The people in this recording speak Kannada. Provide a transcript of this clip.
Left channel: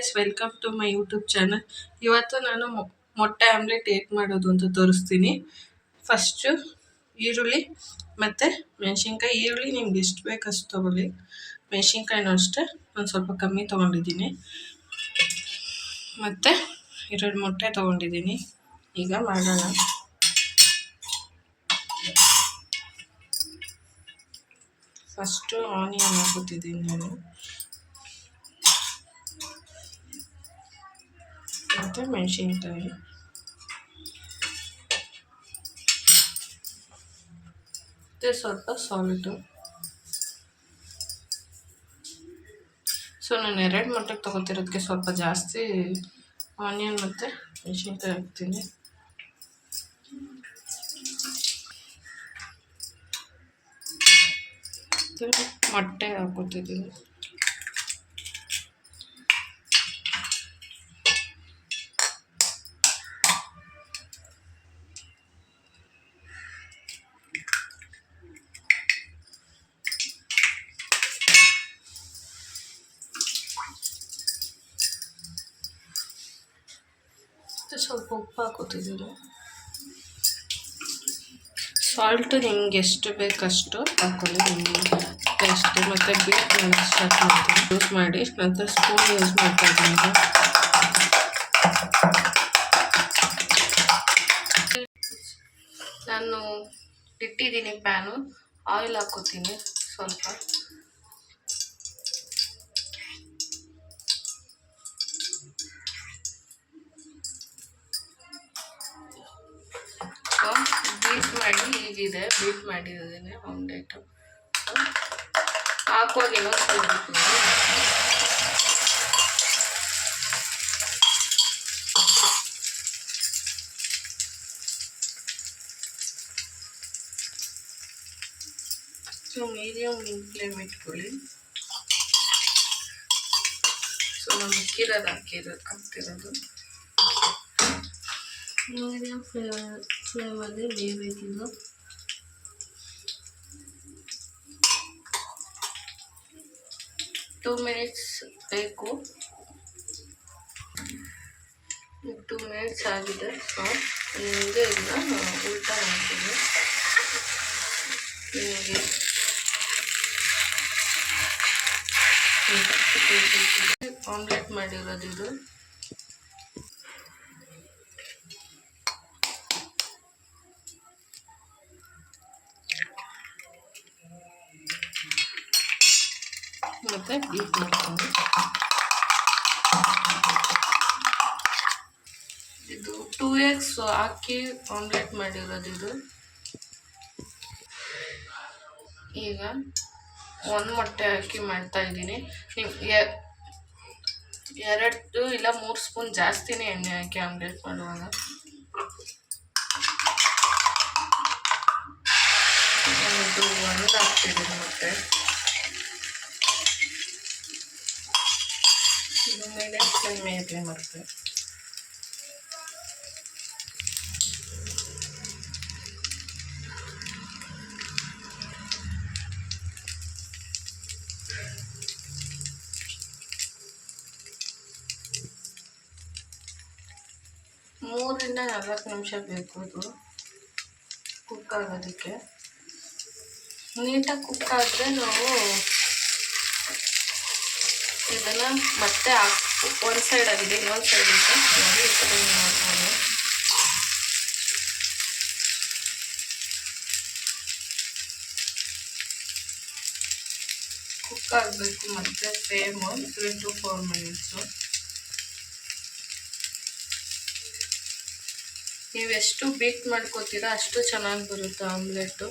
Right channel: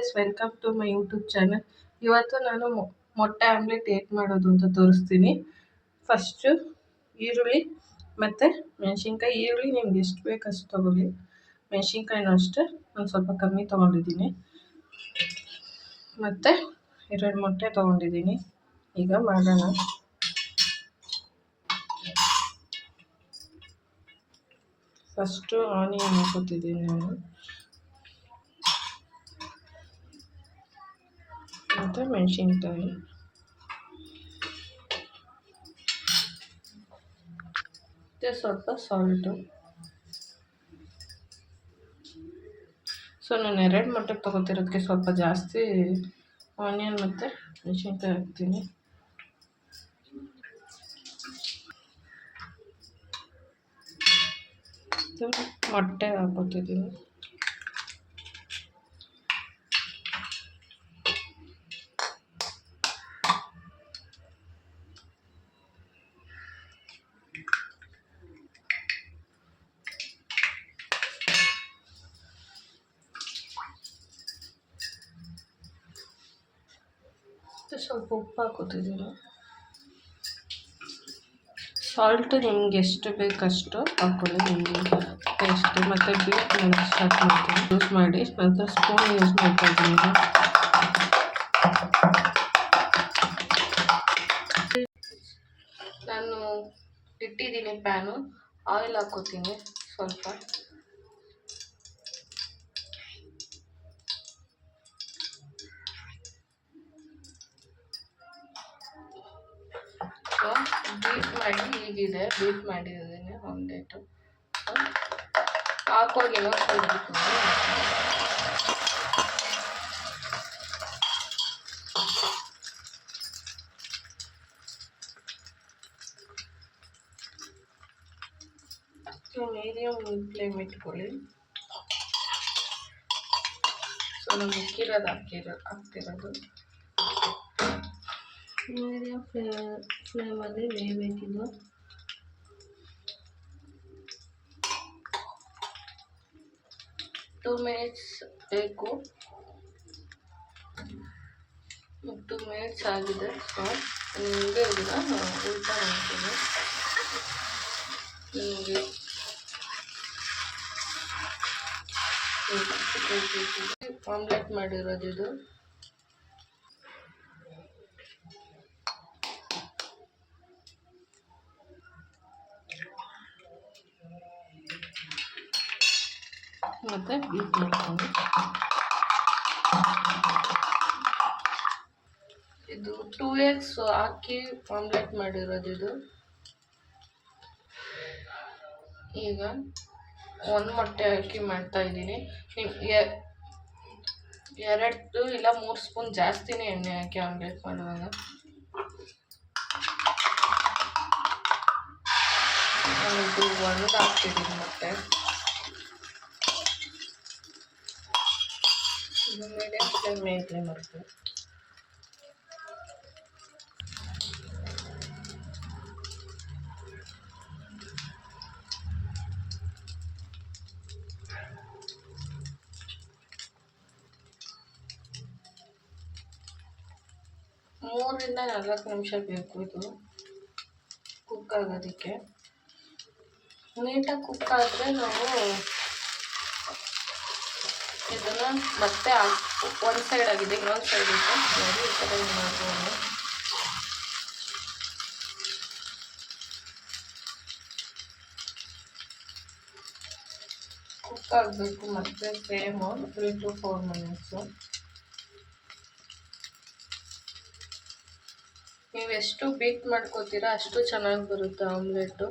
Guys, welcome to my YouTube channel. ಇವತ್ತು ನಾನು ಮೊಟ್ಟೆ ಆಮ್ಲೆಟ್ ಹೇಗೆ ಮಾಡೋದು ಅಂತ ತೋರಿಸ್ತೀನಿ. ಫಸ್ಟು ಈರುಳ್ಳಿ ಮತ್ತು ಮೆಣಸಿನ್ಕಾಯಿ. ಈರುಳ್ಳಿ ನಿಮ್ಗೆ ಎಷ್ಟು ಬೇಕು ಅಷ್ಟು ತೊಗೊಳ್ಳಿ. ಮೆಣಸಿನ್ಕಾಯಿನೂ ಅಷ್ಟೇ ಒಂದು ಸ್ವಲ್ಪ ಕಮ್ಮಿ ತೊಗೊಂಡಿದ್ದೀನಿ. ಮತ್ತು 2 ಮೊಟ್ಟೆ ತೊಗೊಂಡಿದ್ದೀನಿ. ಈಗ ಮಾಡೋಣ. ಫಸ್ಟು ಆನಿಯನ್ ಹಾಕೋತಿದ್ದೀನಿ ನಾನು, ಮತ್ತು ಮೆಣಸಿನ್ಕಾಯಿ, ಮತ್ತು ಸ್ವಲ್ಪ ಸಾಲ್ಟು. ಸೊ ನಾನು 2 ಮೊಟ್ಟೆಗೆ ತೊಗೊತಿರೋದಕ್ಕೆ ಸ್ವಲ್ಪ ಜಾಸ್ತಿ ಆನಿಯನ್ ಮತ್ತು ಮೆಣಸಿನ್ಕಾಯಿ ಹಾಕ್ತೀನಿ. ಮೊಟ್ಟೆ ಹಾಕೋತಿದ್ದೀನಿ. ಸ್ವಲ್ಪ ಉಪ್ಪು ಹಾಕೋತಿದ್ದೀನಿ. ಸಾಲ್ಟು ನಿಮ್ಗೆ ಎಷ್ಟು ಬೇಕಷ್ಟು ಹಾಕೊಳ್ಳಿ, ನಿಮಗೆ ಟೇಸ್ಟ್. ಮತ್ತು ಬೀಟ್ ಮಾಡಿ ಸ್ಟಾರ್ಟ್ ಮಾಡ್ತೀನಿ. ಯೂಸ್ ಮಾಡಿ ನಂತರ ಸ್ಪೂನ್ ಯೂಸ್ ಮಾಡ್ತಾ ಇದ್ದೀನಿ. ನಾನು ಇಟ್ಟಿದ್ದೀನಿ ಪ್ಯಾನು. ಆಯಿಲ್ ಹಾಕೋತೀನಿ ಸ್ವಲ್ಪ. ಬೀಟ್ ಮಾಡಿ ಹೀಗಿದೆ, ಬೀಟ್ ಮಾಡಿದ್ದೀನಿ ಆಮ್ಲೆಟು. ಹಾಕೋಗಿ ನೋಡ್ತಿರ್ಬೇಕು. ಸೊ ಮೀಡಿಯಮ್ ಫ್ಲೇಮ್ ಇಟ್ಕೊಳ್ಳಿ. ಸೊ ನಾನು ಹಾಕ್ತಿರೋದು ಮೀಡಿಯಮ್ ಫ್ಲೇಮಲ್ಲಿ ಬೇಯಬೇಕಿದ್ದು. ಟೂ ಮಿನಿಟ್ಸ್ ಬೇಕು. 2 ಮಿನಿಟ್ಸ್ ಆಗಿದೆ. ಸೊ ನಿಮಗೆ ಇದನ್ನ ಉಲ್ಟಾ ಮಾಡ್ತೀನಿ. ನಿಮಗೆ ಆಮ್ಲೆಟ್ ಮಾಡಿರೋದು ಇದು. ಮತ್ತು ಬೀಟ್ ಮಾಡ್ತೀನಿ. ಇದು 2 eggs ಹಾಕಿ ಆಮ್ಲೆಟ್ ಮಾಡಿರೋದು ಇದು. ಈಗ 1 ಮೊಟ್ಟೆ ಹಾಕಿ ಮಾಡ್ತಾ ಇದ್ದೀನಿ. 2 ಇಲ್ಲ 3 ಸ್ಪೂನ್ ಜಾಸ್ತಿನೇ ಎಣ್ಣೆ ಹಾಕಿ ಆಮ್ಲೆಟ್ ಮಾಡುವಾಗ. ಇದು 1 ಹಾಕ್ತಿದ್ದೀನಿ ಮೊಟ್ಟೆ. ಇದು ಮೀಡಿಯಮ್ ಫ್ಲೇಮ್ ಮೇಲೆ ಮಾಡ್ತೀನಿ. ಮೂರರಿಂದ 4 ನಿಮಿಷ ಬೇಕು ಇದು ಕುಕ್ ಆಗೋದಕ್ಕೆ. ನೀಟಾಗಿ ಕುಕ್ ಆದರೆ ನಾವು ಇದನ್ನು ಮತ್ತೆ ಒಂದು ಸೈಡ್ ಆಗಿದೆ, ಇನ್ನೊಂದು ಸೈಡ್ ಇದೆ ನೋಡಿ. ಈ ಥರ ಮಾಡ್ಬೋದು. ಕುಕ್ ಆಗಬೇಕು ಮತ್ತು ಫ್ಲೇಮು 3 to 4 ಮಿನಿಟ್ಸು. ನೀವೆಷ್ಟು ಬೀಟ್ ಮಾಡ್ಕೋತೀರಾ ಅಷ್ಟು ಚೆನ್ನಾಗಿ ಬರುತ್ತೆ ಆಮ್ಲೆಟು.